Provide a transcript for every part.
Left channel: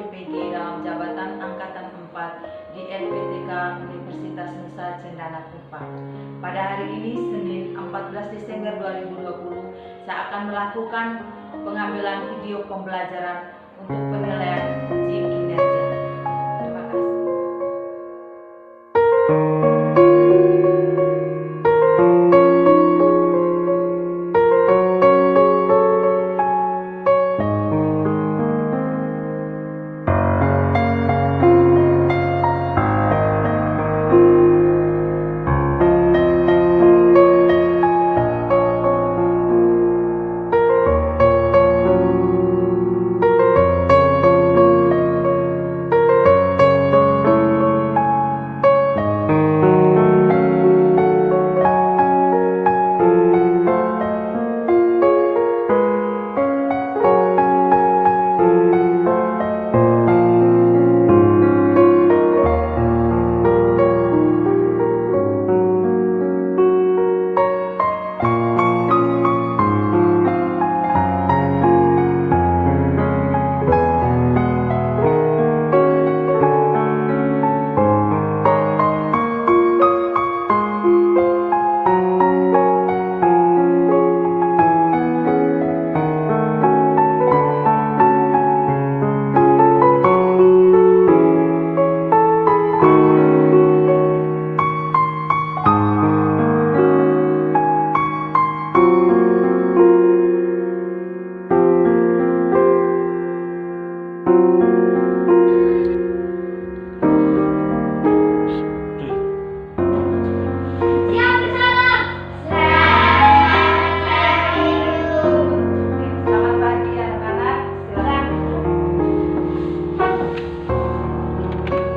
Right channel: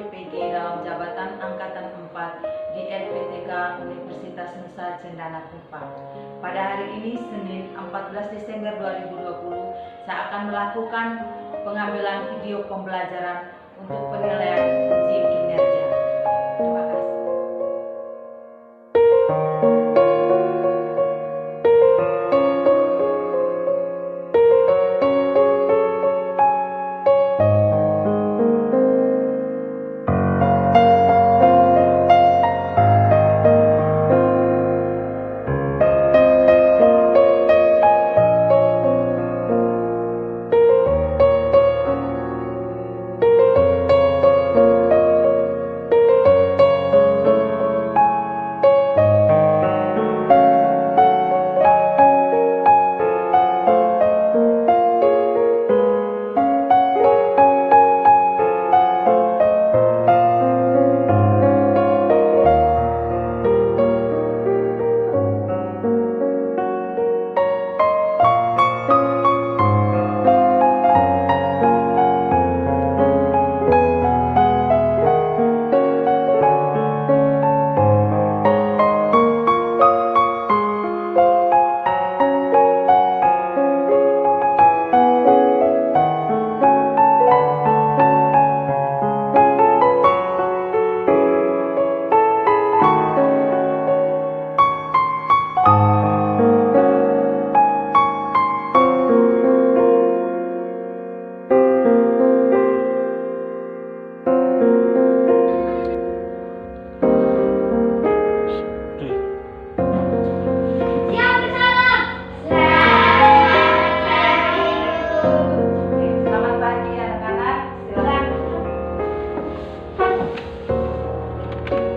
PPG dalam jabatan Angkatan 4 di LPTK Universitas Nusa Cendana Kupang. Pada hari ini, Senin 14 Desember 2020, saya akan melakukan pengambilan video pembelajaran untuk penilaian uji kinerja. Terima kasih.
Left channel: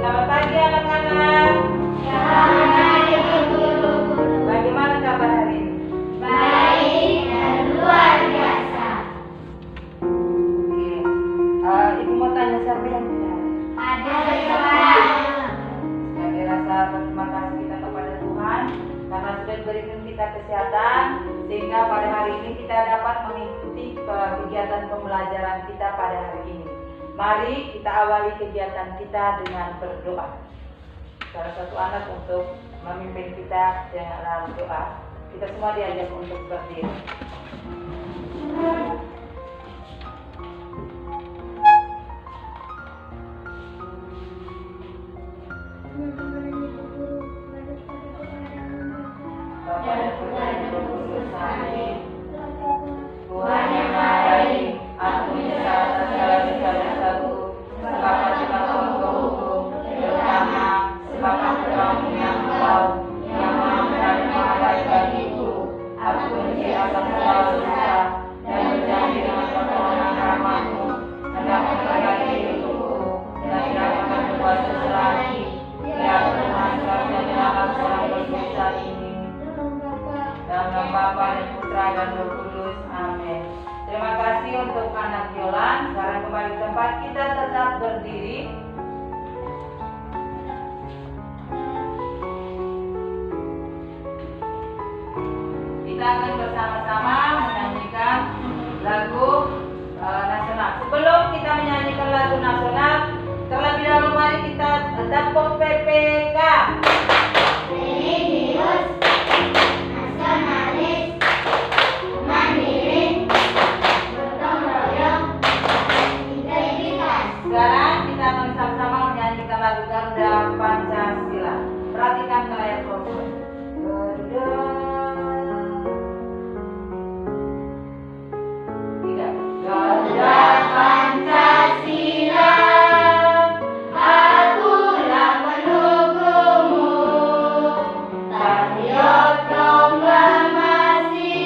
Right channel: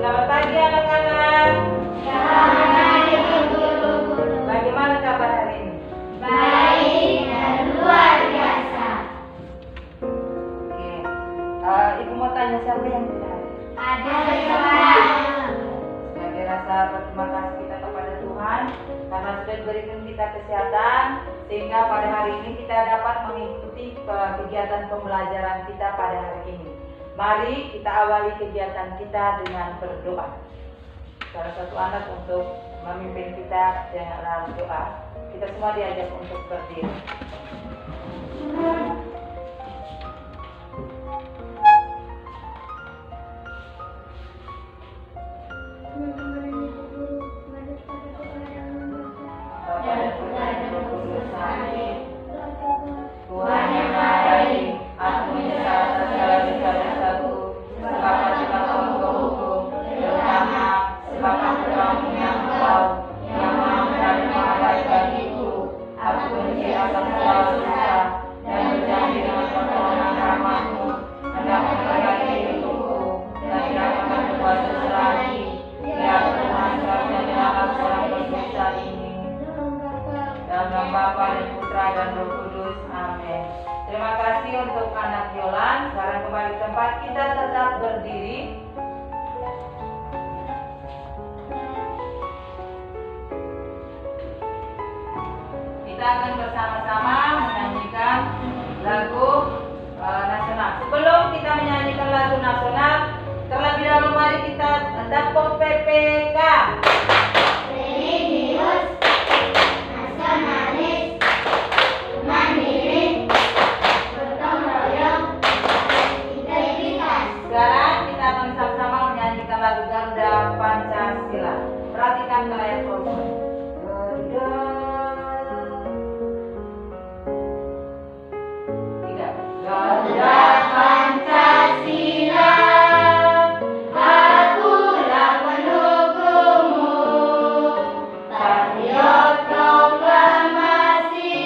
Selamat pagi anak-anak. Selamat pagi guru. Bagaimana kabar hari ini? Baik dan luar biasa. Oke. Ibu mau tanya siapa yang tidak hadir? Ada semua. Sebagai rasa berterima kasih kita kepada Tuhan karena sudah memberikan kita kesehatan sehingga pada hari ini kita dapat mengikuti kegiatan pembelajaran kita pada hari ini. Mari kita awali kegiatan kita dengan berdoa. Salah satu anak untuk memimpin kita dengan doa. Kita semua diajak untuk berdiri. Bapa dan Putra dan Roh Kudus, amin. Tuhan yang Maha Baik, aku menyesal atas segala dosa-dosaku, sebab aku telah melanggar hukum, terutama sebab aku telah menghina Engkau yang Maha Benar dan Maha Baik bagiku. Aku benci akan segala dosa dan berjanji dengan pertolongan rahmat-Mu hendak memperbaiki hidupku dan tidak akan berbuat dosa lagi. Biar Tuhan serahkan dalam seorang berdosa ini. Dalam nama Bapa dan Putra dan Roh Kudus, amin. Terima kasih untuk anak Yolan. Sekarang kembali ke tempat, kita tetap berdiri. Kita akan bersama-sama menyanyikan lagu nasional. Sebelum kita menyanyikan lagu nasional, terlebih dahulu mari kita tepuk PPK. Religius, nasionalis, mandiri, gotong royong, integritas. Sekarang kita akan sama-sama menyanyikan lagu Garuda Pancasila. Perhatikan ke layar telepon. Garuda Pancasila, Akulah pendukungmu, patriot proklamasi,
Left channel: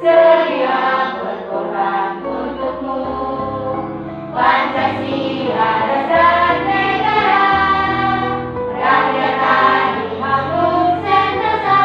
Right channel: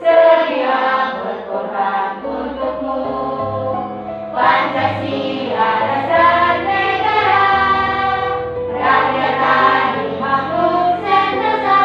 sedia berkorban untukmu. Pancasila dasar negara, rakyat adil makmur sentosa.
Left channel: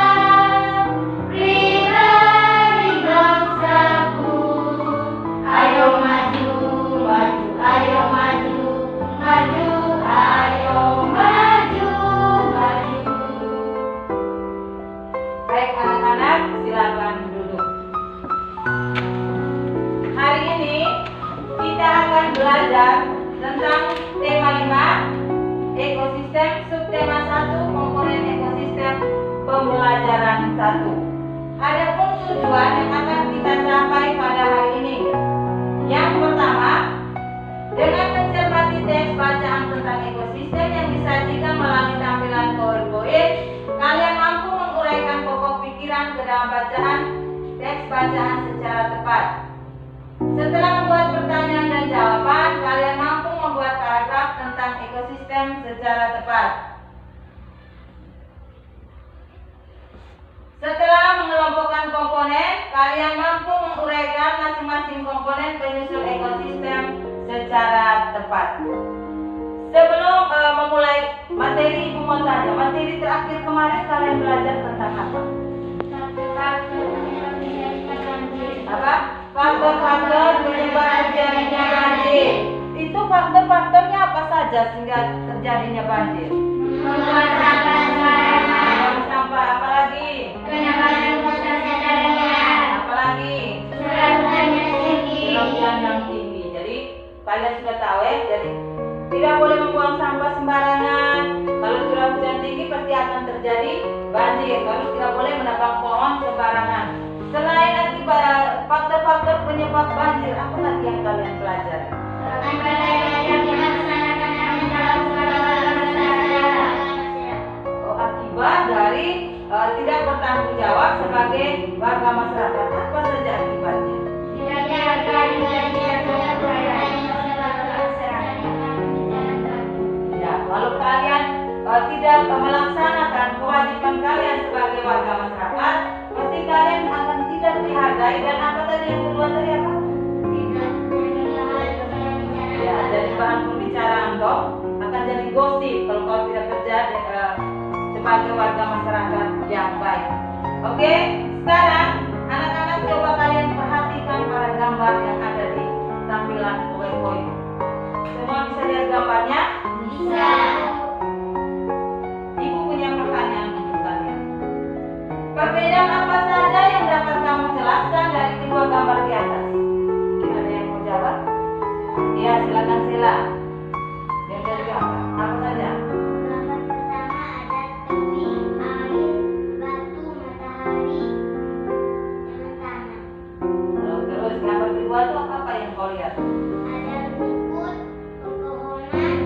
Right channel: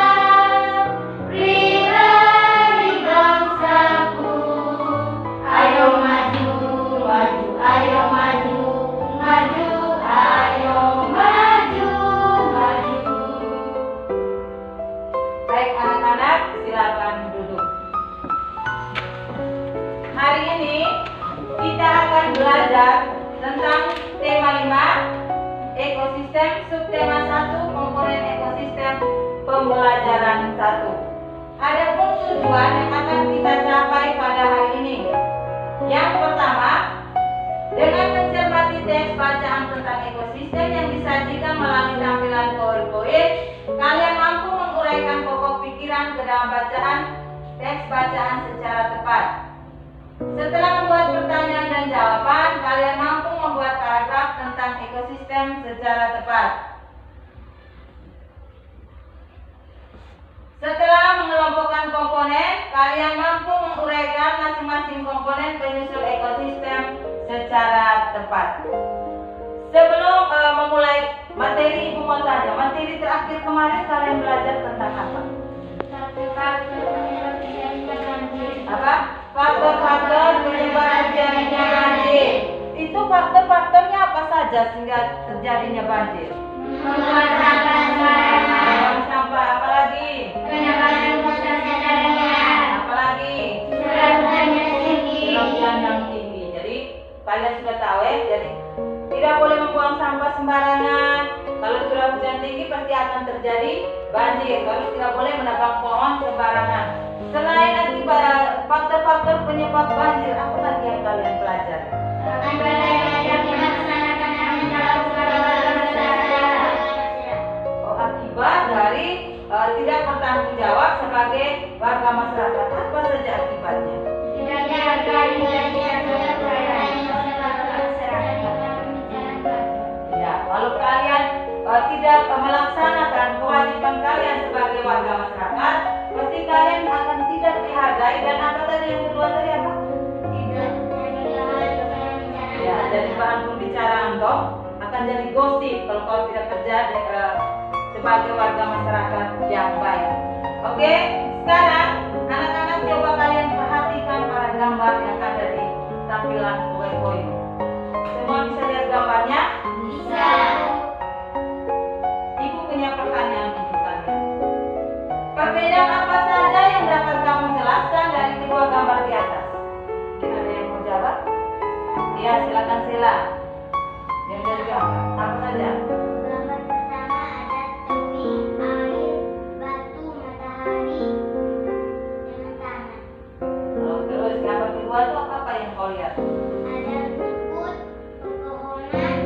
dan 1. Adapun tujuan yang akan kita capai pada hari ini. Yang pertama, dengan mencermati teks bacaan tentang ekosistem yang disajikan melalui tampilan PowerPoint, kalian mampu menguraikan pokok pikiran ke dalam bacaan teks bacaan secara tepat. Setelah membuat pertanyaan dan jawaban, kalian mampu membuat paragraf tentang ekosistem secara tepat. Setelah mengelompokkan komponen, kalian mampu menguraikan masing-masing komponen penyusul ekosistem secara tepat. Sebelum memulai materi, Ibu mau tanya, materi terakhir kemarin kalian belajar tentang apa? Apa? Faktor-faktor penyebab terjadinya banjir. Itu faktor-faktornya apa saja sehingga terjadinya banjir? Membuang sampah sembarangan. Membuang sampah, apalagi? Penyebaran luasnya daerah. Apalagi? Curah hujan yang tinggi. Curah hujan yang tinggi. Jadi kalian sudah tahu ya. Jadi tidak boleh membuang sampah sembarangan. Kalau curah hujan tinggi pasti akan terjadi banjir. Lalu tidak boleh menebang pohon sembarangan. Selain akibat faktor-faktor penyebab banjir, apa lagi yang kalian pelajari? Akibat dari tidak bertanggung jawab sebagai warga masyarakat. Apa saja akibatnya? Ya, kalau kalian tidak melaksanakan kewajiban kalian sebagai warga masyarakat, pasti kalian akan tidak dihargai. Dan apa tadi yang kedua tadi apa? Ya, jadi bahan pembicaraan toh, akan jadi gosip kalau kau tidak kerja sebagai warga masyarakat yang baik. Oke, sekarang anak-anak coba kalian perhatikan para gambar yang ada di tampilan PowerPoint. Semua bisa lihat gambarnya? Bisa. Ibu punya pertanyaan untuk kalian. Perbedaan apa saja yang dapat kamu jelaskan dari kedua gambar di atas? Mungkin ada yang mau jawab? Iya, silakan Sila. Yang dari gambar apa saja? Gambar pertama ada tebing, air, batu, matahari, dengan tanah. Terus gambar kedua itu apa yang kau lihat? Ada rumput, pepohonan,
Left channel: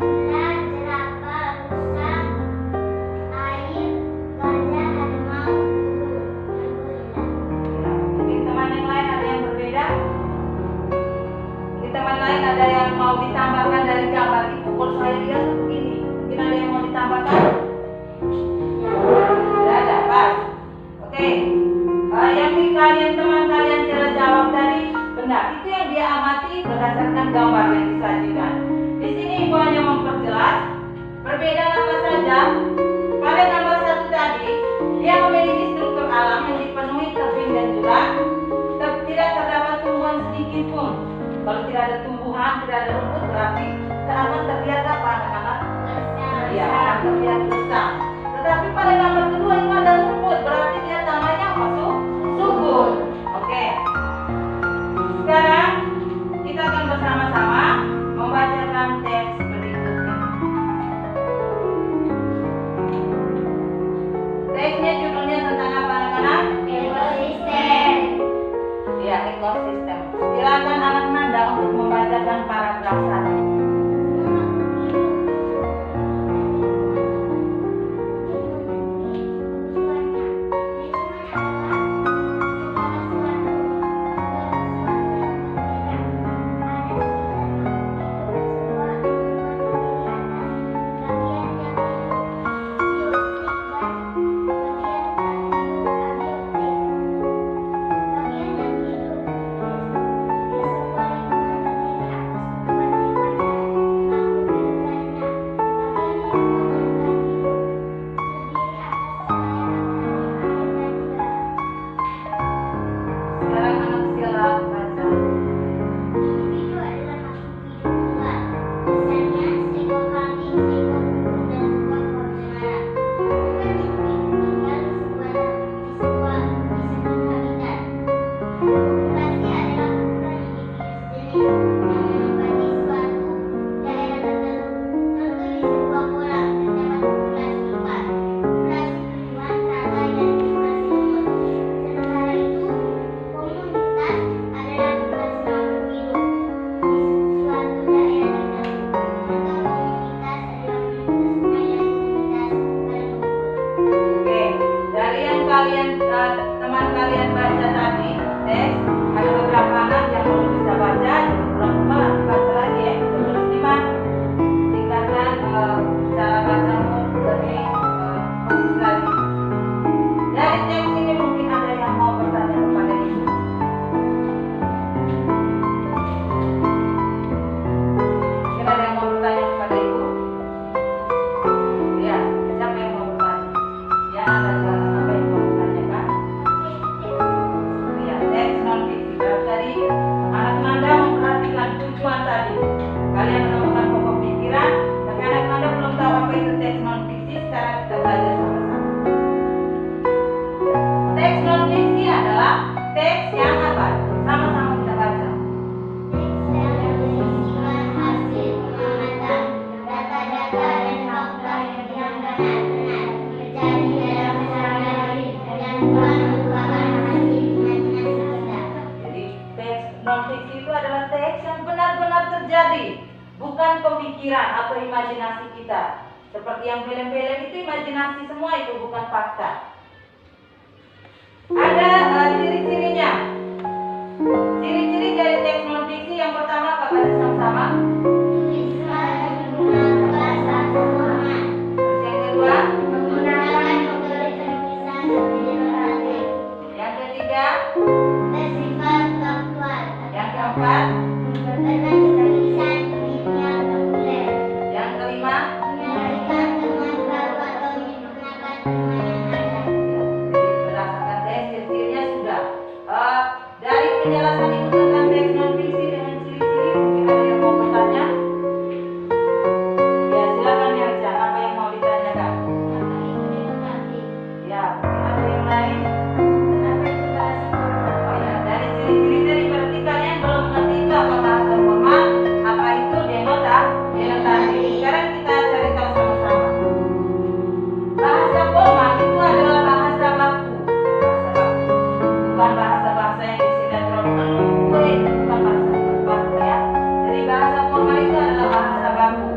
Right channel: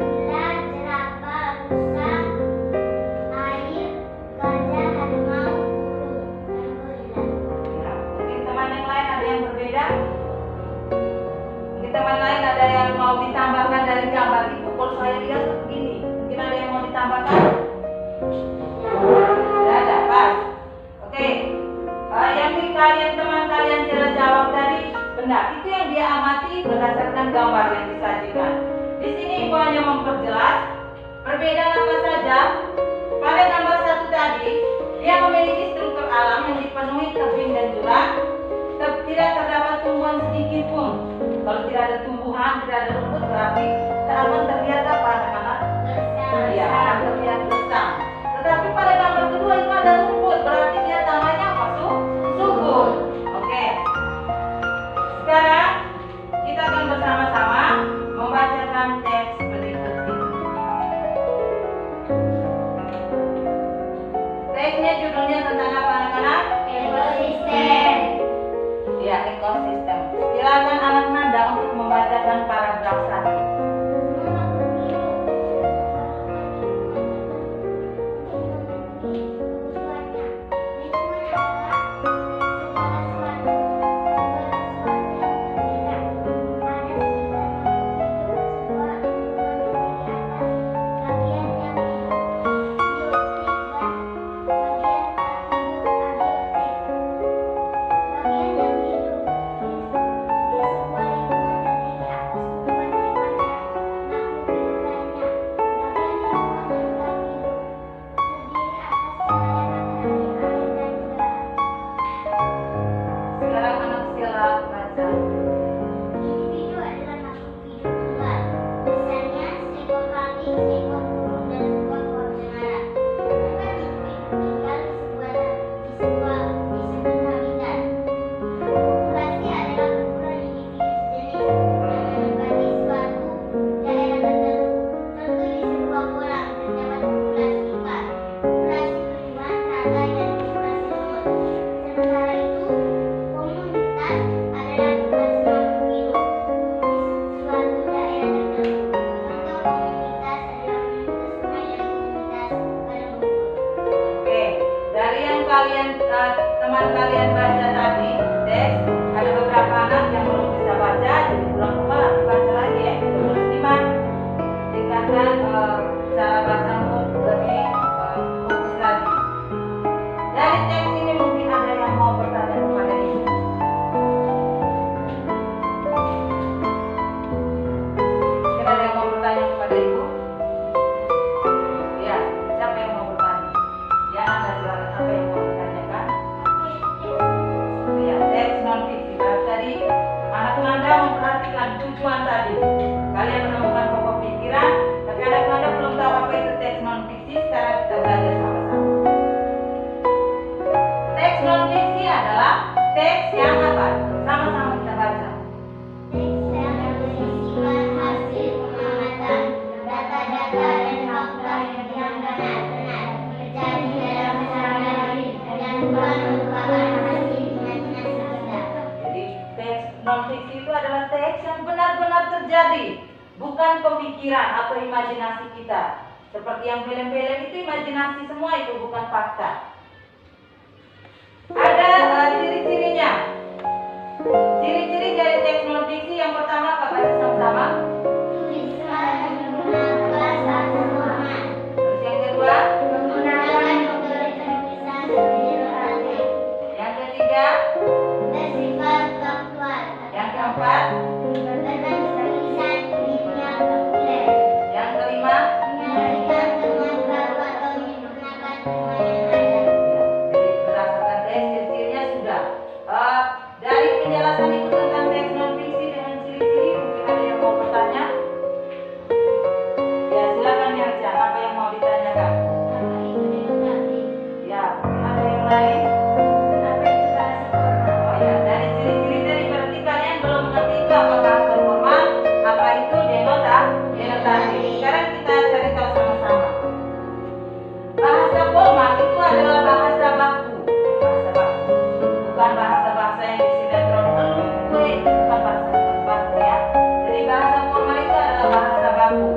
ular, jerapah, rusa, air, gajah, harimau, burung, dan gorila. Ya, mungkin teman yang lain ada yang berbeda? Mungkin teman lain ada yang mau ditambahkan dari gambar itu. Kalau saya lihat tuh begini, mungkin ada yang mau ditambahkan? Tidak ada, pas. Oke. Yang teman kalian sudah jawab tadi benar. Itu yang dia amati berdasarkan gambar yang disajikan. Di sini Ibu hanya memperjelas perbedaan apa saja. Pada gambar satu tadi, dia memiliki struktur alam yang dipenuhi tebing dan jurang. Tidak terdapat tumbuhan sedikit pun. Kalau tidak ada tumbuhan, tidak ada rumput, berarti akan terlihat apa anak-anak? Iya, akan terlihat gersang. Tetapi pada gambar kedua itu ada rumput, berarti dia tanahnya apa? Subur. Oke. Sekarang kita akan bersama-sama membacakan teks berikut ini. Teksnya judulnya tentang apa anak-anak? Ekosistem. Ya, ekosistem. Silakan anak Nanda untuk membacakan paragraf 1. Sekarang anak sila baca. Individu adalah makhluk hidup tunggal. Misalnya seekor kambing, seekor burung, dan sebuah pohon cemara. Tempat individu tinggal di sebuah habitat. Populasi adalah kumpulan individu sejenis yang menempati suatu daerah tertentu. Contoh di sebuah kolam terdapat populasi ikan, populasi tumbuhan, serangga, dan teman kalian baca tadi teks, ada beberapa anak yang belum bisa baca, jadi pulang rumah nanti baca lagi ya. Sudah lulus 5, tingkatkan cara bacamu lebih fokus lagi. Dari teks ini mungkin ada yang mau bertanya kepada ibu. Mungkin ada yang mau bertanya kepada ibu? Ya, siapa yang mau bertanya? Ya, Anda silakan. Apa yang mau ditanyakan? Ya, teks non fiksi. Tadi anak Anda memperhatikan tujuan tadi. Kalian menemukan pokok pikiran, tapi anak Anda belum tahu apa itu teks non fiksi. Sekarang kita belajar sama-sama. Teks non fiksi adalah teks yang apa? Sama-sama kita baca. Teks yang berisikan hasil pengamatan, data-data dan fakta yang benar-benar terjadi dalam sehari-hari dan bukan merupakan hasil imajinasi kita. Jadi teks non fiksi itu adalah teks yang benar-benar terjadi, bukan pemikiran atau imajinasi kita. Seperti yang film-film itu imajinasi semua, itu bukan fakta. Ada ciri-cirinya. Ciri-ciri dari teks non fiksi yang pertama apa baca sama-sama? Tulisan menggunakan bahasa formal. Terus yang kedua? Menggunakan metode tulisan ilustratif. Yang ketiga? Bersifat faktual. Yang keempat? Berbentuk tulisan dunia populer. Yang kelima? Menyajikan teman baru atau menyempurnakan teman yang ada. Jadi berdasarkan teks ciri-cirinya sudah. Dari penjelasan ibu tentang teks non fiksi dengan ciri-ciri, mungkin ada yang mau bertanya? Ya silakan yang Chan, apa yang mau ditanyakan? Apa itu demokratis? Ya mungkin ada yang lain. Apa itu bahasa formal? Oh ya, dari ciri-ciri tadi berarti kalian belum mengerti itu apa bahasa formal, apa itu denotatif. Sekarang kita cari tahu sama-sama. Bahasa formal itu adalah bahasa baku. Bahasa baku. Bukan bahasa-bahasa yang di sinetron gue, itu bukan bahasa baku ya. Jadi bahasa formal itu adalah bahasa baku.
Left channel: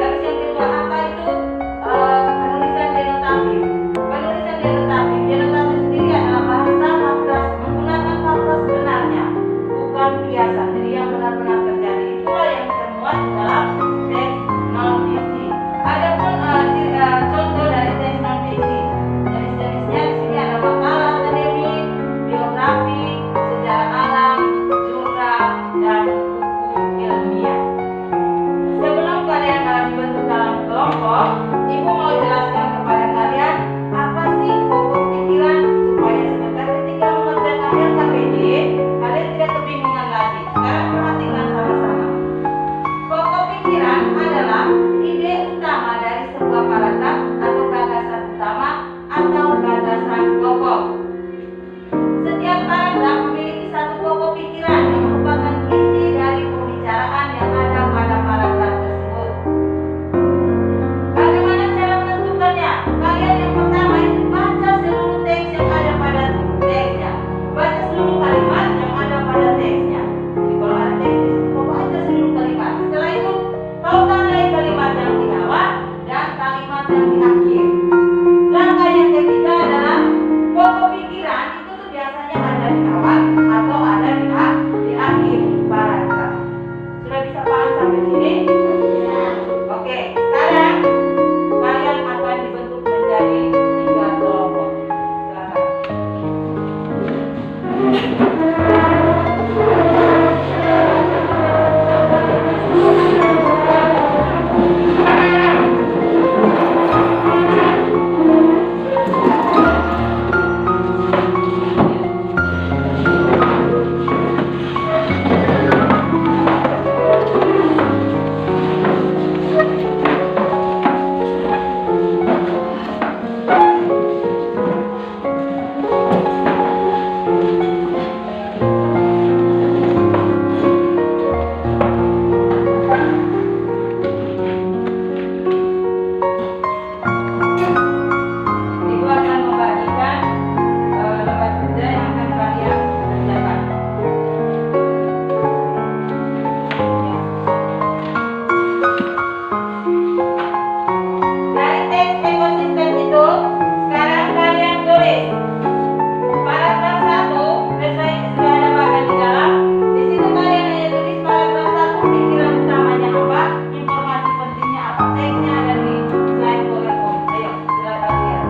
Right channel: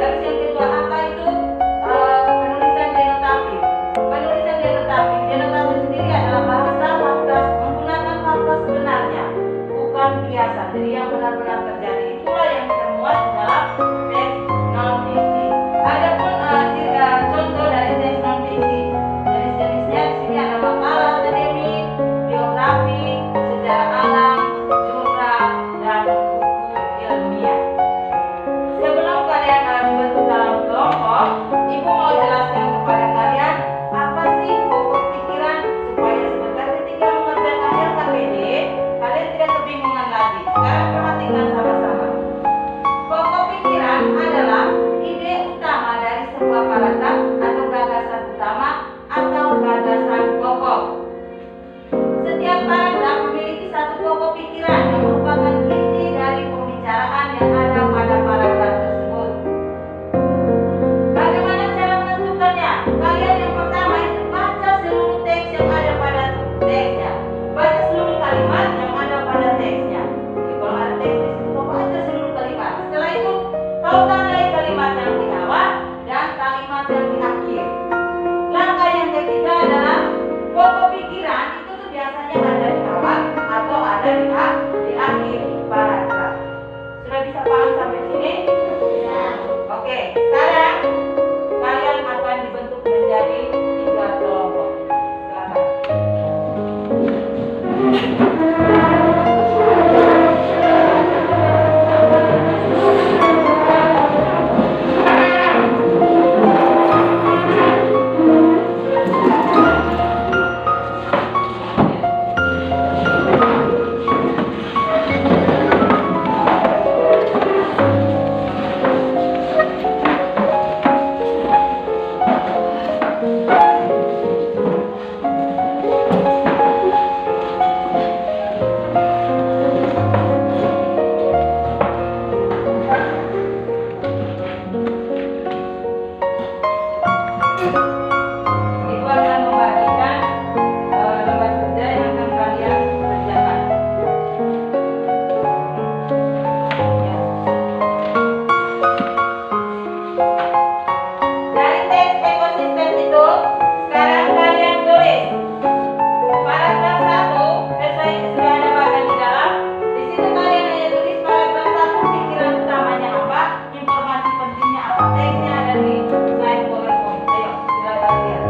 Terus yang kedua, apa itu penulisan denotatif? Penulisan denotatif sendiri adalah bahasa fakta, menggunakan fakta sebenarnya, bukan kiasan. Jadi yang benar-benar terjadi itulah yang termuat di dalam teks non fiksi. Adapun contoh dari teks non fiksi, jenis-jenisnya di sini ada makalah akademik, biografi, sejarah alam, jurnal, dan buku ilmiah. Sebelum kalian dibentuk dalam kelompok, ibu mau jelaskan kepada kalian apa sih pokok pikiran supaya sebentar ketika mengerjakan LKPD kalian tidak kebingungan lagi. Sekarang perhatikan sama-sama. Pokok pikiran adalah ide utama dari sebuah paragraf atau gagasan utama atau gagasan pokok. Setiap paragraf memiliki satu pokok pikiran yang merupakan inti dari pembicaraan yang ada pada paragraf tersebut. Bagaimana cara menentukan Teksnya ada di slide PowerPoint. Ayo, silakan lihat.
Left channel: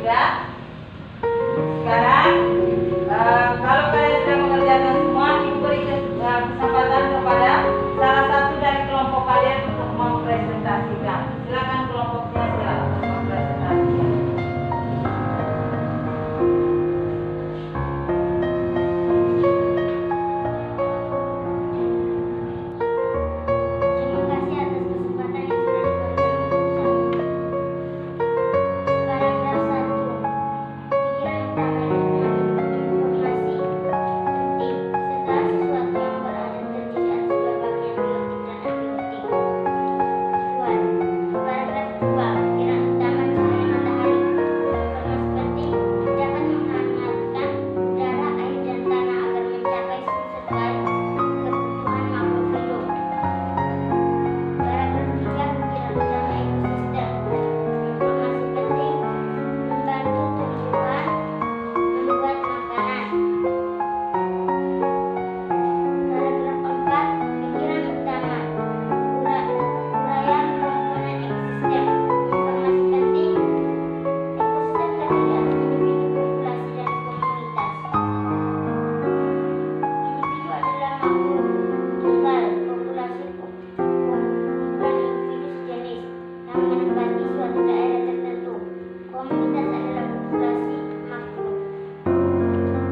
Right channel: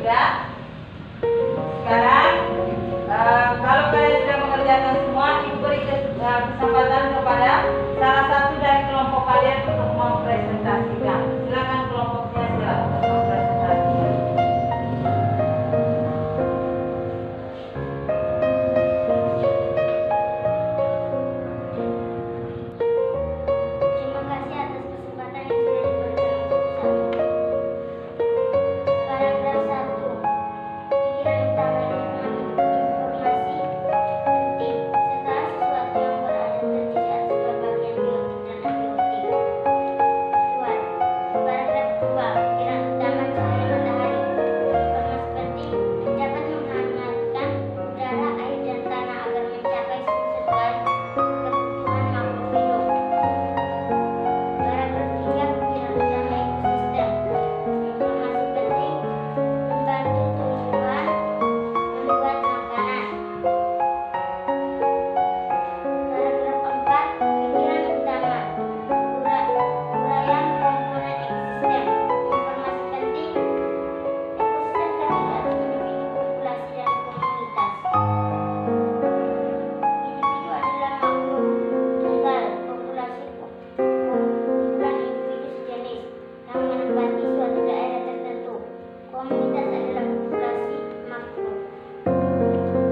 Sudah? Sekarang kalau kalian sudah mengerjakan semua, ibu beri kesempatan kepada salah satu dari kelompok kalian untuk mempresentasikan. Silakan kelompoknya, silakan mempresentasikan. Terima kasih atas kesempatan yang sudah diberikan untuk saya. Paragraf 1. Pikiran utama informasi penting. Segala sesuatu yang berada terdiri atas dua bagian, biotik dan abiotik. 2. Paragraf 2. Pikiran utama cahaya matahari. Informasi penting dapat menghangatkan udara, air, dan tanah agar mencapai suhu sesuai kebutuhan makhluk hidup. Paragraf 3. Pikiran utama ekosistem. Informasi penting membantu tumbuhan membuat makanan. Paragraf 4. Pikiran utama uraian komponen ekosistem. Informasi penting ekosistem terdiri atas individu, populasi, dan komunitas. Individu adalah makhluk tunggal, populasi kumpulan individu sejenis yang menempati suatu daerah tertentu. Komunitas adalah populasi makhluk.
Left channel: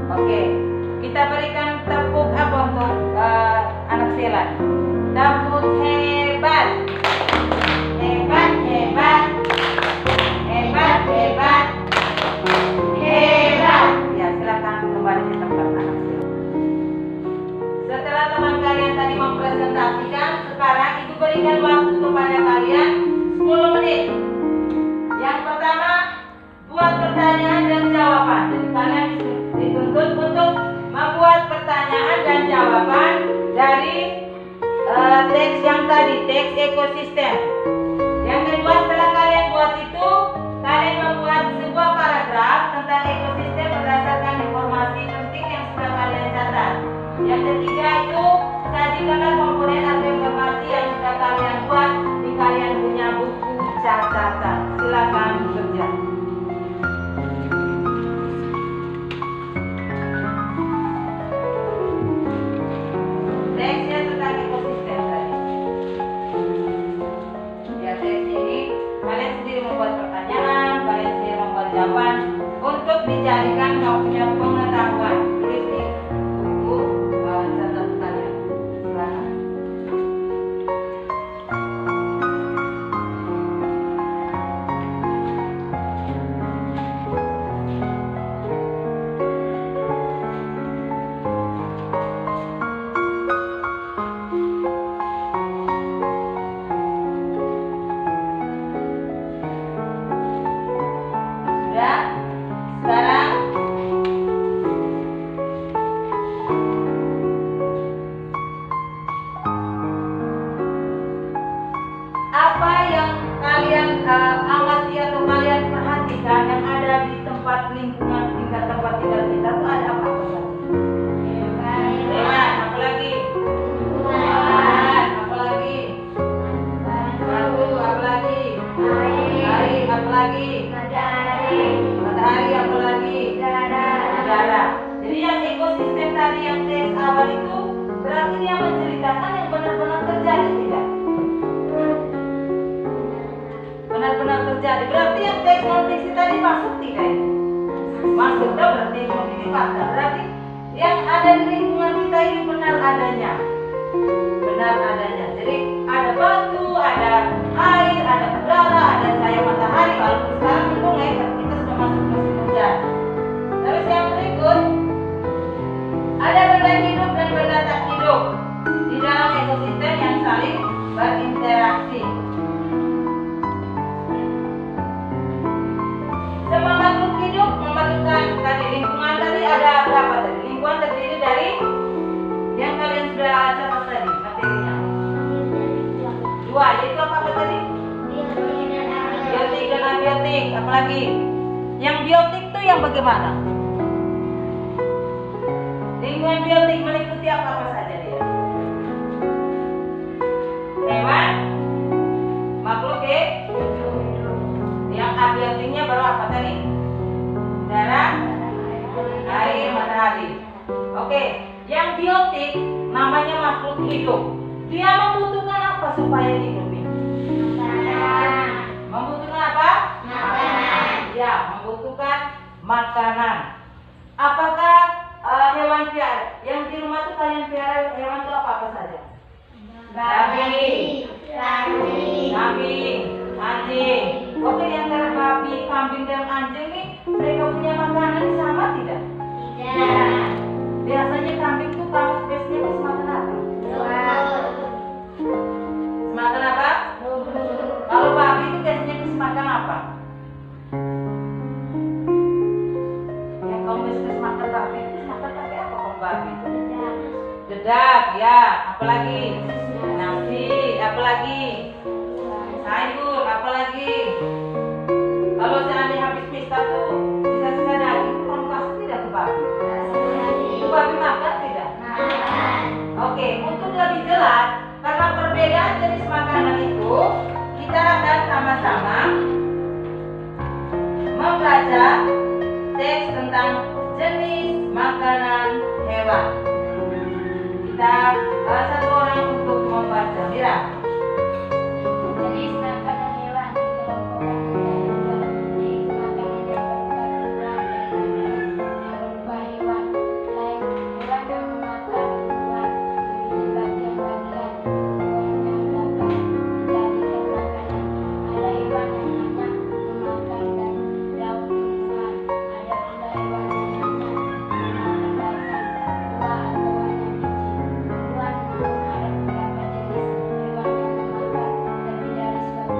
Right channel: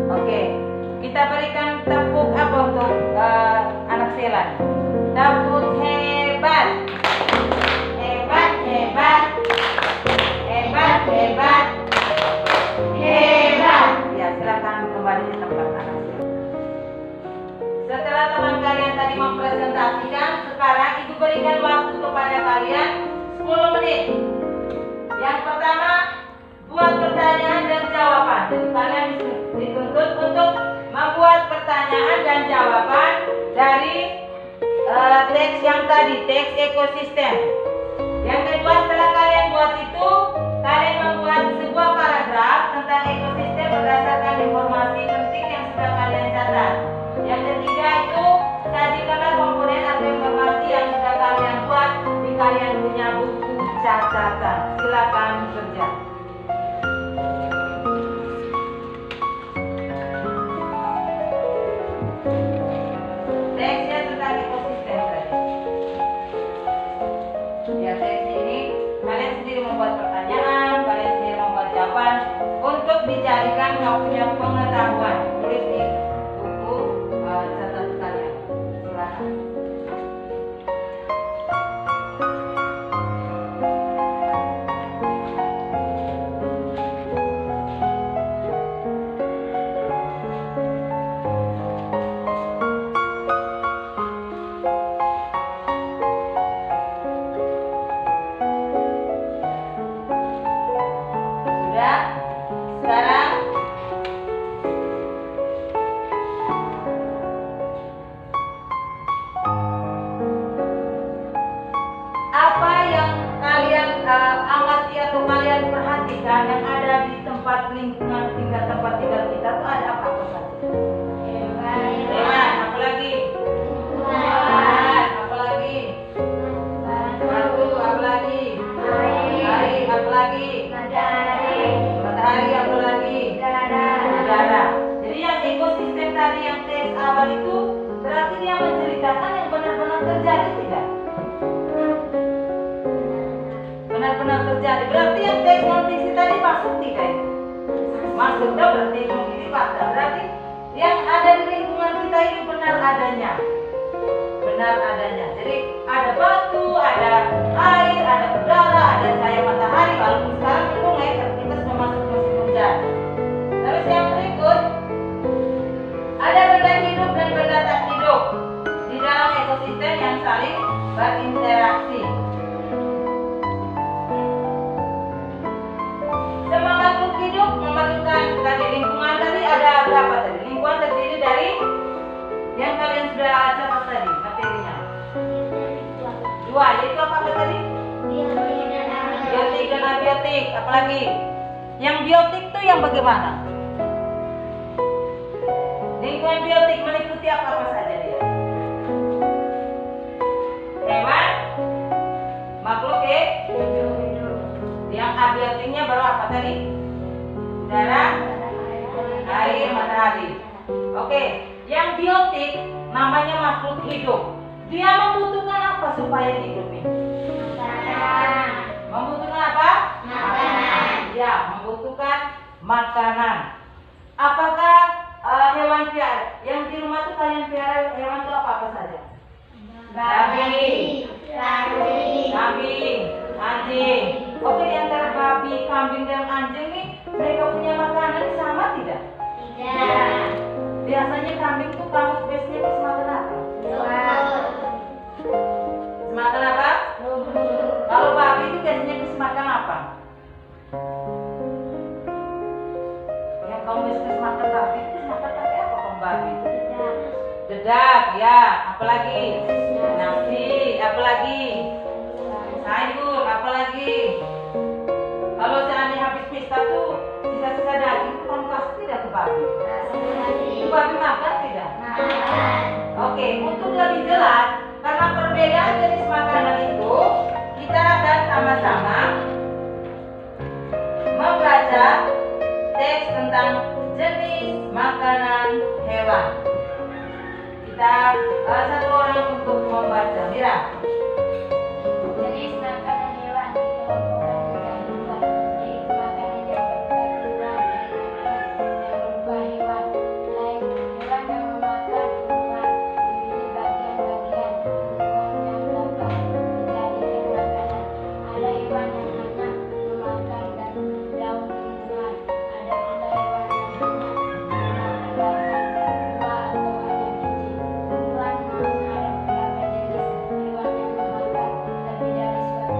Oke, kita berikan tepuk apa untuk anak Selan? Tepuk hebat, hebat, hebat, hebat, hebat, hebat. Ya, silakan kembali di tempat anak Selan. Setelah teman kalian tadi mempresentasikan, sekarang ibu berikan waktu kepada kalian 10 menit. Yang pertama, buat pertanyaan dan jawaban. Jadi kalian dituntut untuk membuat pertanyaan dan jawaban dari teks yang tadi, teks ekosistem. Yang kedua, setelah kalian buat itu, kalian membuat sebuah paragraf tentang ekosistem berdasarkan informasi penting yang sudah kalian catat. Yang ketiga itu, sajikanlah komponen atau informasi yang sudah kalian buat di kalian punya buku catatan. Silakan bekerja. Teksnya tentang ekosistem tadi. Ya, teks ini kalian sendiri membuat pertanyaan, kalian sendiri membuat jawaban untuk dijadikan punya pengetahuan. Tulis di buku catatan kalian. Silakan. Sudah? Sekarang apa yang kalian amati atau kalian perhatikan yang ada di tempat lingkungan tempat tinggal kita tuh ada apa saja? Hewan, apalagi? Tumbuhan, apalagi? Batu, apalagi? Air, apalagi? Matahari, apalagi? Udara. Jadi yang ekosistem tadi yang teks awal itu berarti dia menceritakan yang benar-benar terjadi, tidak? Benar-benar terjadi. Berarti yang teks non fiksi tadi masuk tidak itu? Masuk, dah berarti itu fakta. Berarti yang ada di lingkungan kita ini benar adanya. Benar adanya. Jadi ada batu, ada air, ada udara, ada cahaya matahari. Walaupun sekarang mendung ya, kita sudah masuk musim hujan. Terus yang berikut, ada benda hidup dan benda tak hidup di dalam ekosistem yang saling berinteraksi. Semua makhluk hidup memerlukan tadi lingkungan tadi ada berapa tadi? Lingkungan terdiri dari yang kalian sudah catat tadi materinya. Dua, yaitu apa tadi? Biotik dan abiotik. Apalagi? Yang biotik itu yang bagaimana? Lingkungan biotik meliputi apa saja dia? Hewan, makhluk yang abiotiknya baru apa tadi? Udara, air, matahari. Oke, yang biotik namanya makhluk hidup. Dia membutuhkan apa supaya hidup ini? Membutuhkan apa? Makanan. Ya, membutuhkan makanan. Apakah hewan piara yang di rumah tuh kalian piara hewan itu apa saja? Babi, kambing, anjing. Oke, di antara babi, kambing dan anjing nih mereka punya makanan sama tidak? Tidak. Biasanya kambing tuh kamu biasanya makan apa? Makan apa? Kalau babi itu biasanya makan apa? Yang kamu biasanya makan babi itu makan pakai apa kamu babi? Dedak, ya. Apalagi? Nasi, apalagi? Sayur, apalagi? Kalau seandainya habis pesta tuh sisa-sisa daging itu kamu pasti tidak ke babi. Itu babi makan tidak? Oke, untuk lebih jelas karena perbedaan jenis makanan itu, kita akan sama-sama membaca teks tentang jenis makanan hewan. Kita satu orang untuk membaca. Mira. Jenis makanan hewan dikelompokkan menjadi dua, yaitu makanan yang berupa tumbuhan dan makanan yang berupa hewan. Lain hewan yang memakan tumbuhan memilih bagian-bagian tumbuhannya dapat dijadikan makanan. Ada hewan yang hanya memakan daun tumbuhan. Ada pula hewan yang hanya memakan batang, buah atau hanya biji. Tumbuhan namun ada beberapa jenis hewan yang memakan lebih dari suatu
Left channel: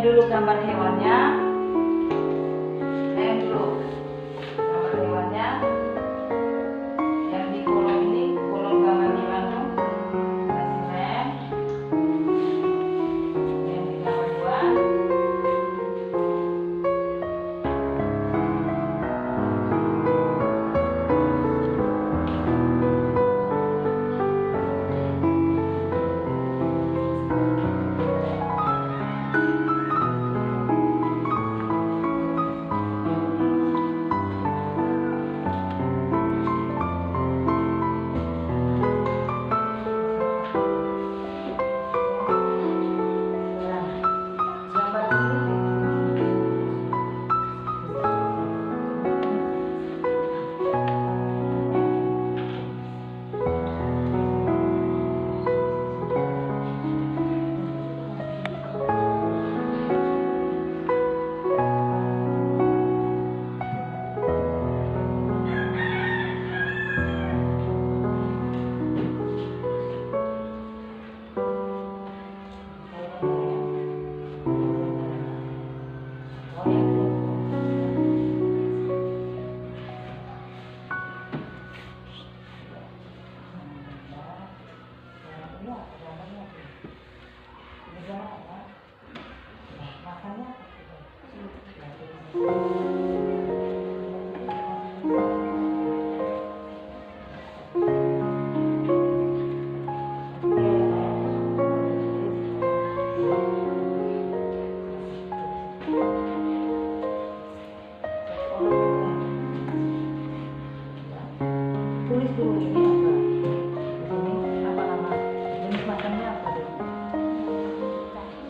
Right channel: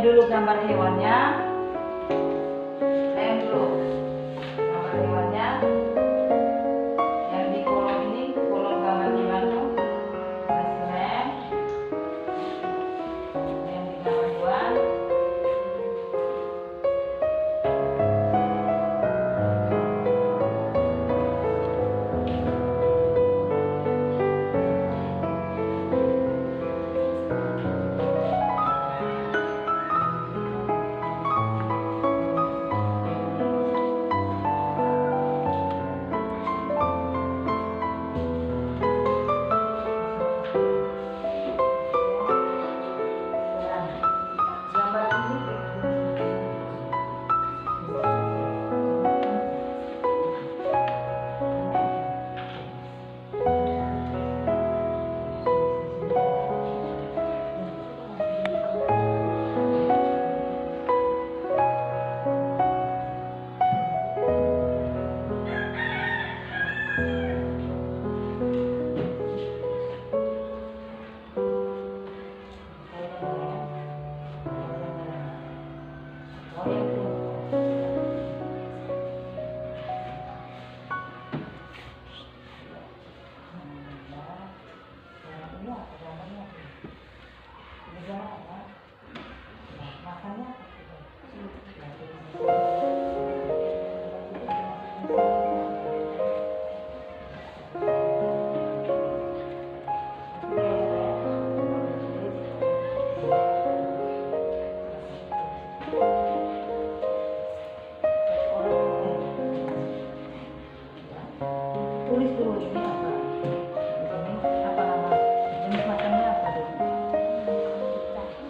Yang dulu gambar hewannya. Yang dulu gambar hewannya. Yang di kolom ini, kolom gambar hewan tuh. Spesimen. Yang di gambar hewan. Tulis dulu ini apa? Ini apa nama? Jenis makannya apa dulu?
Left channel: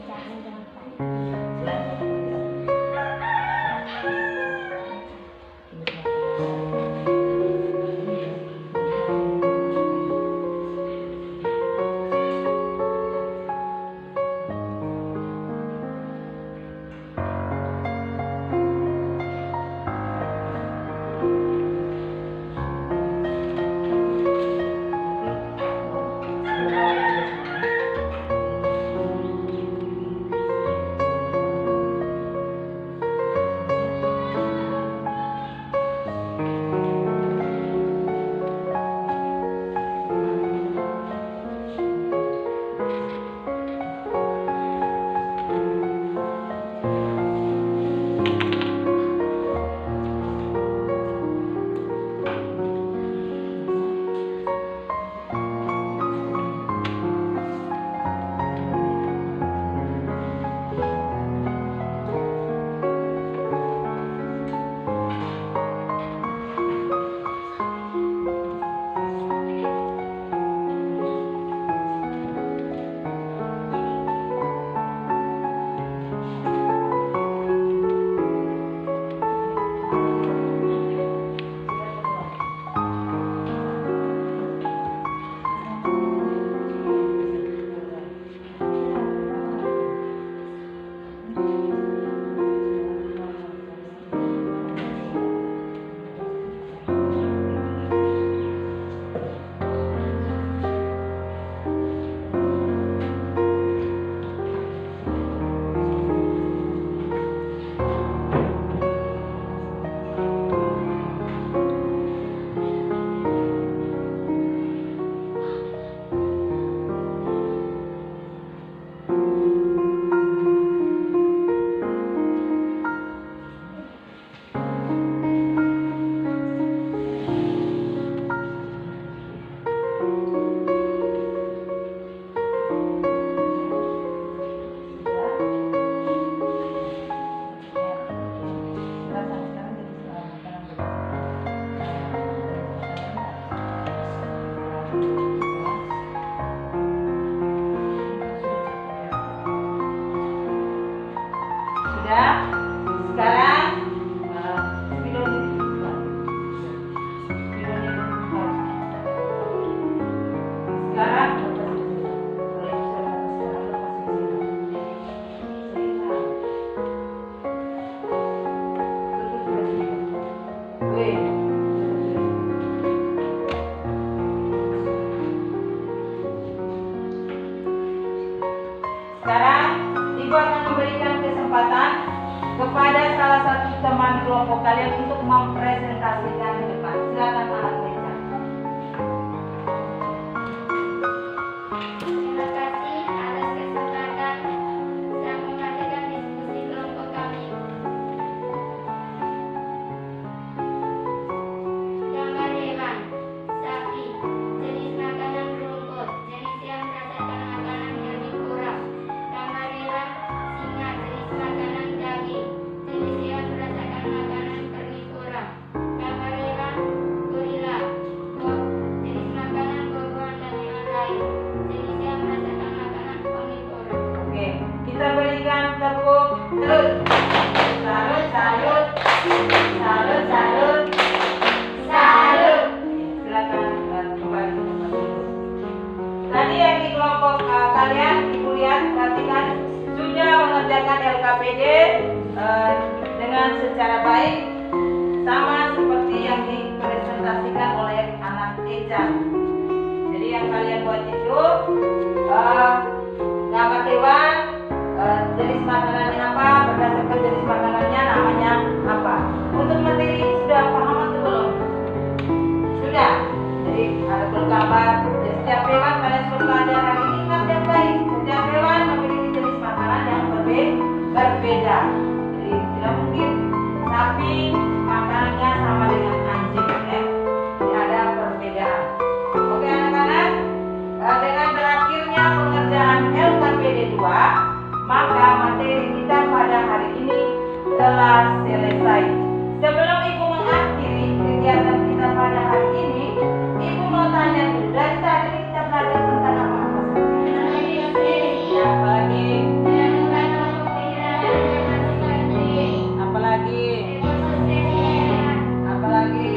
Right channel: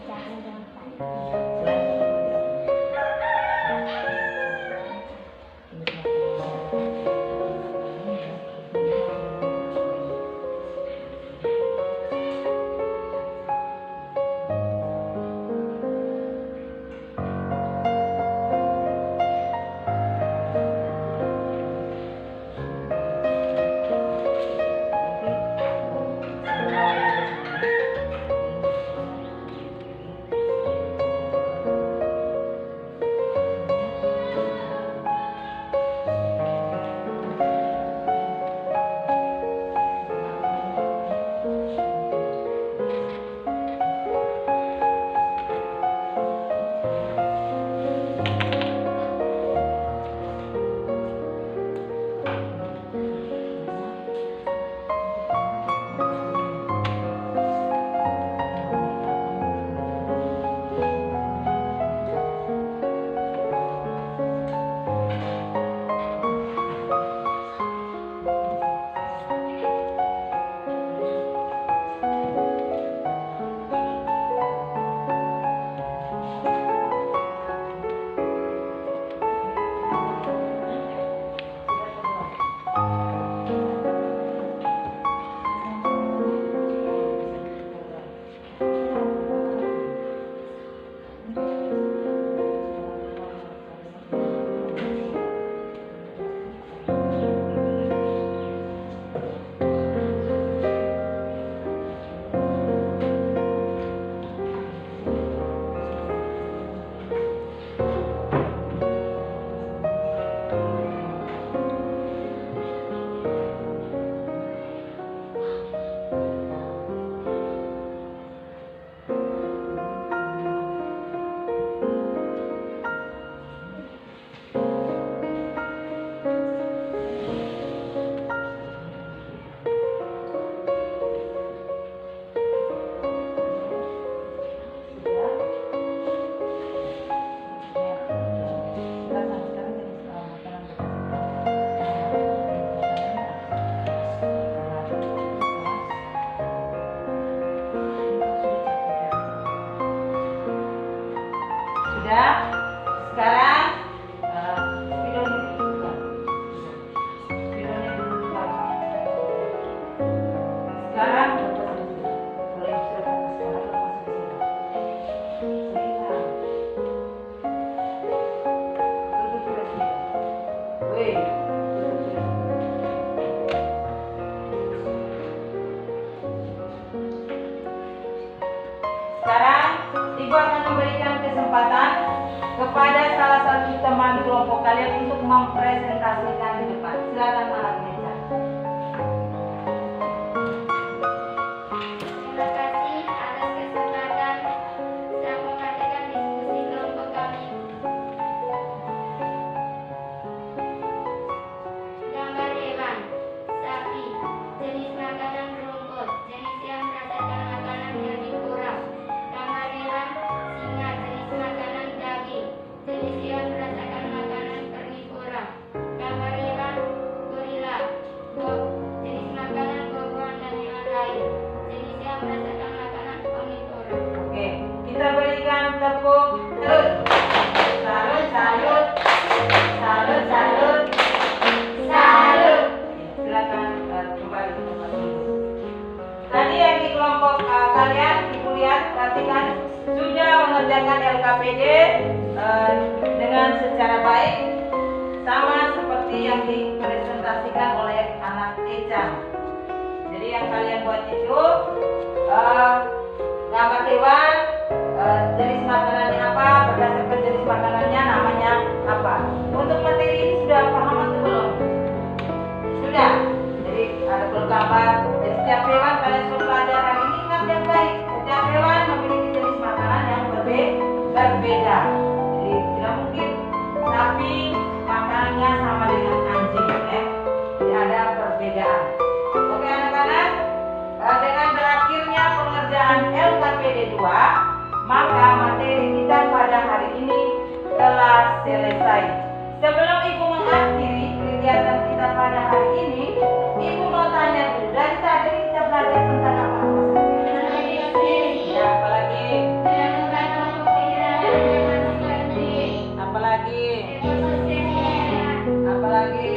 Jangan gampang. Selain Sudah? Sekarang spidolnya dibuka. Spidolnya dibuka. Sekarang kalau ibu sudah sekarang lepasin siram. Siram. Tutup sudah siram. Wih, tutup sudah siram. Sekarang ibu akan memberikan kesempatan kesempatan kepada salah satu teman kelompok kalian untuk mempresentasikan di depan. Silakan anak meja. Terima kasih atas kesempatan saya mengadakan diskusi kelompok kami. Gambar hewan, sapi, jenis makanan rumput, jenis yang merasakan makanan herbivora. Gambar hewan, singa, jenis makanan daging, jenis yang merasakan makanan karnivora. Gambar hewan, gorila, jenis makanan buah-buahan dan hewan lain, jenis yang merasakan makanan omnivora. Oke, kita berikan tepuk salut. Salut, salut. Salut, salut. Salut. Silakan kembali ke tempat duduk. Tadi yang di kelompok kalian, Ibu lihat, perhatikan, sudah mengerjakan LKPD dengan secara baik, sama seperti yang dipresentasikan oleh anak Eja. Jadi yang kalian buat itu gambar hewan, jenis makanannya apa, berdasarkan jenis makanannya namanya apa. Untuk materi ini sudah paham atau belum? Sudah. Jadi ada gambar dari setiap hewan, kalian sudah belajar hari ini. Ingat yang baik, setiap hewan memiliki jenis makanan yang berbeda. Jadi tidak mungkin sapi makanannya sama dengan anjing, ya. Jadi ada perbedaan. Oke anak-anak, dengan berakhirnya pengerjaan LKPD 2, maka materi kita pada hari ini telah selesai. Sebelum Ibu mengakhiri kegiatan kita pada hari ini, Ibu mau tanya dulu, dari tadi kita belajar tentang apa-apa saja? Ya, apalagi? Apalagi? Apalagi?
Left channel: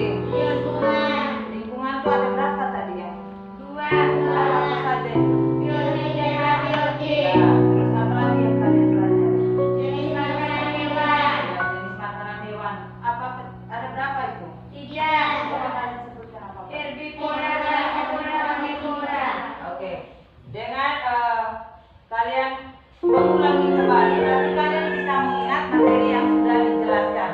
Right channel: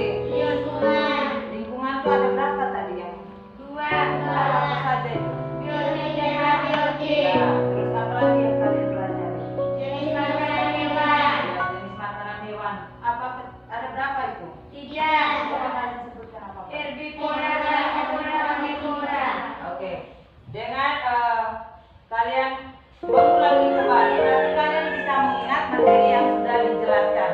Lingkungan itu ada berapa tadi ya? Apa saja itu? Ya, terus apa lagi yang kalian pelajari? Jenis makanan hewan. Ya, jenis makanan hewan. Apa ada berapa itu? 3. Coba kalian sebutkan apa? Herbivora, carnivora, omnivora. Oke. Dengan kalian mengulangi kembali, berarti kalian bisa mengingat materi yang sudah dijelaskan.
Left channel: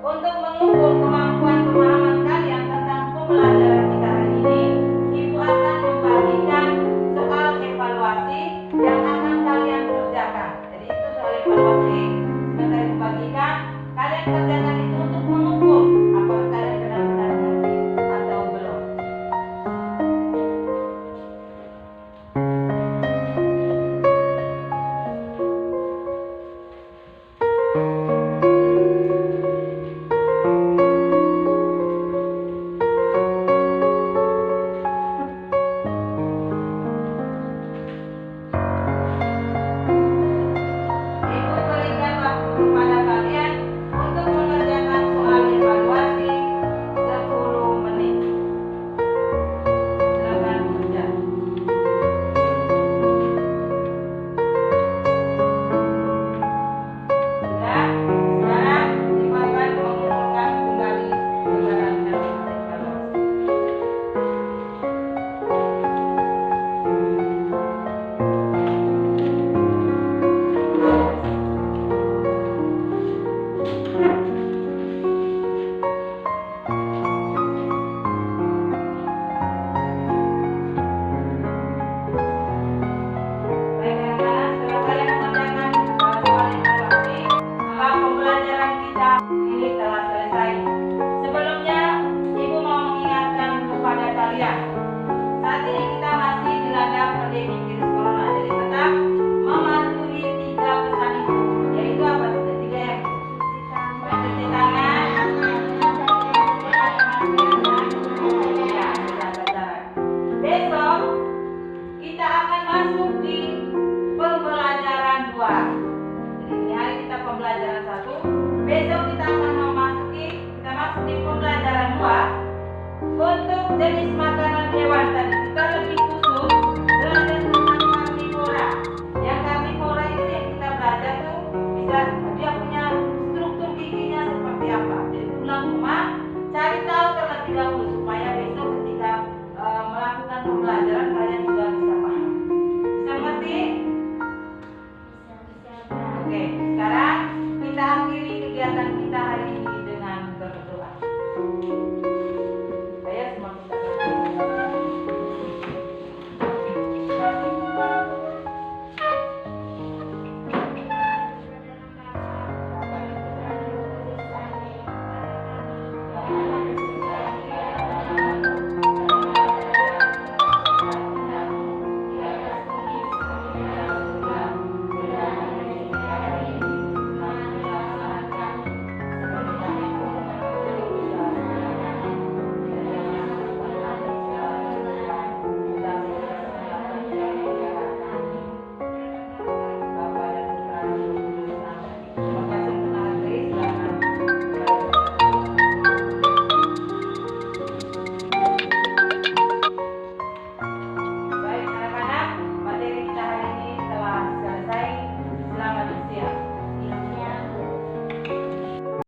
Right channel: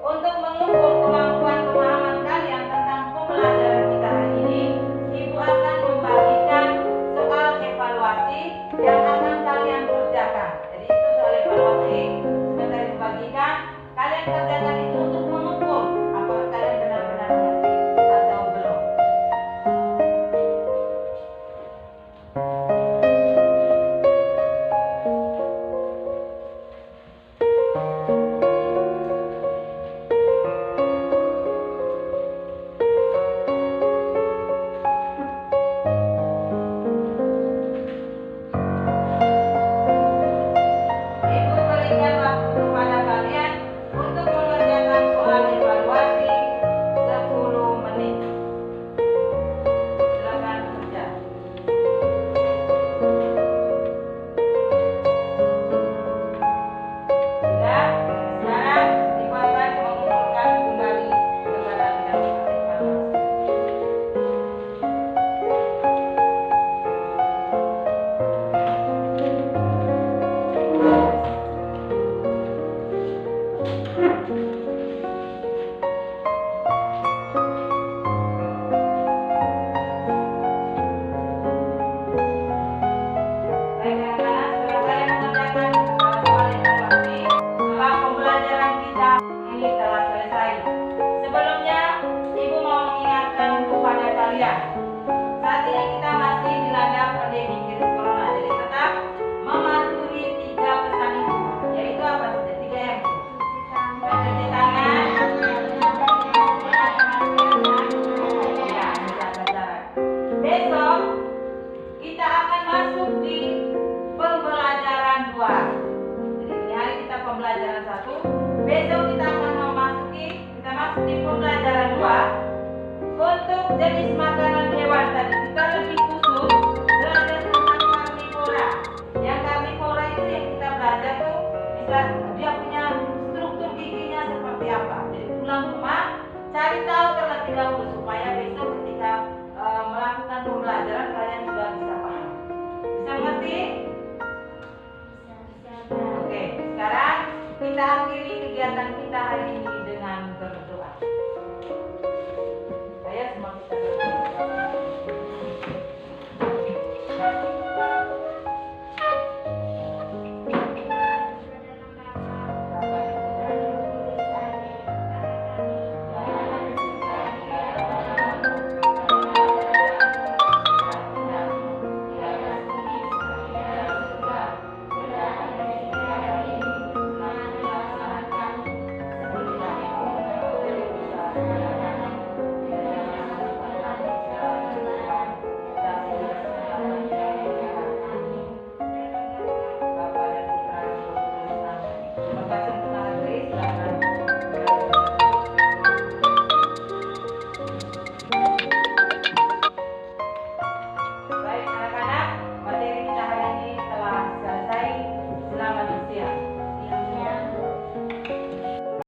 Untuk mengukur kemampuan pemahaman kalian tentang pembelajaran kita hari ini, Ibu akan membagikan soal evaluasi yang akan kalian kerjakan. Jadi itu soal evaluasi, sebentar Ibu bagikan. Kalian kerjakan itu untuk mengukur apakah kalian benar-benar mengerti atau belum. Ibu berikan waktu kepada kalian untuk mengerjakan soal evaluasi 10 menit. Silakan kerja. Sudah? Sekarang Ibu akan mengumpulkan kembali kepada kalimat evaluasi. Baik anak-anak, setelah kalian mengerjakan soal evaluasi, maka pembelajaran kita ini telah selesai. Sebelumnya, Ibu mau mengingatkan kepada kalian, saat ini kita masih dilanda pandemi virus corona. Jadi tetap mematuhi 3 pesan Ibu, yaitu apa saja? 3 yang itu. Mencuci tangan, ya, menjaga jarak. Besok kita akan masuk di pembelajaran 2. Jadi ini hari kita pembelajaran 1. Besok kita akan masuk di pembelajaran 2 untuk jenis makanan hewan tadi. Kita lebih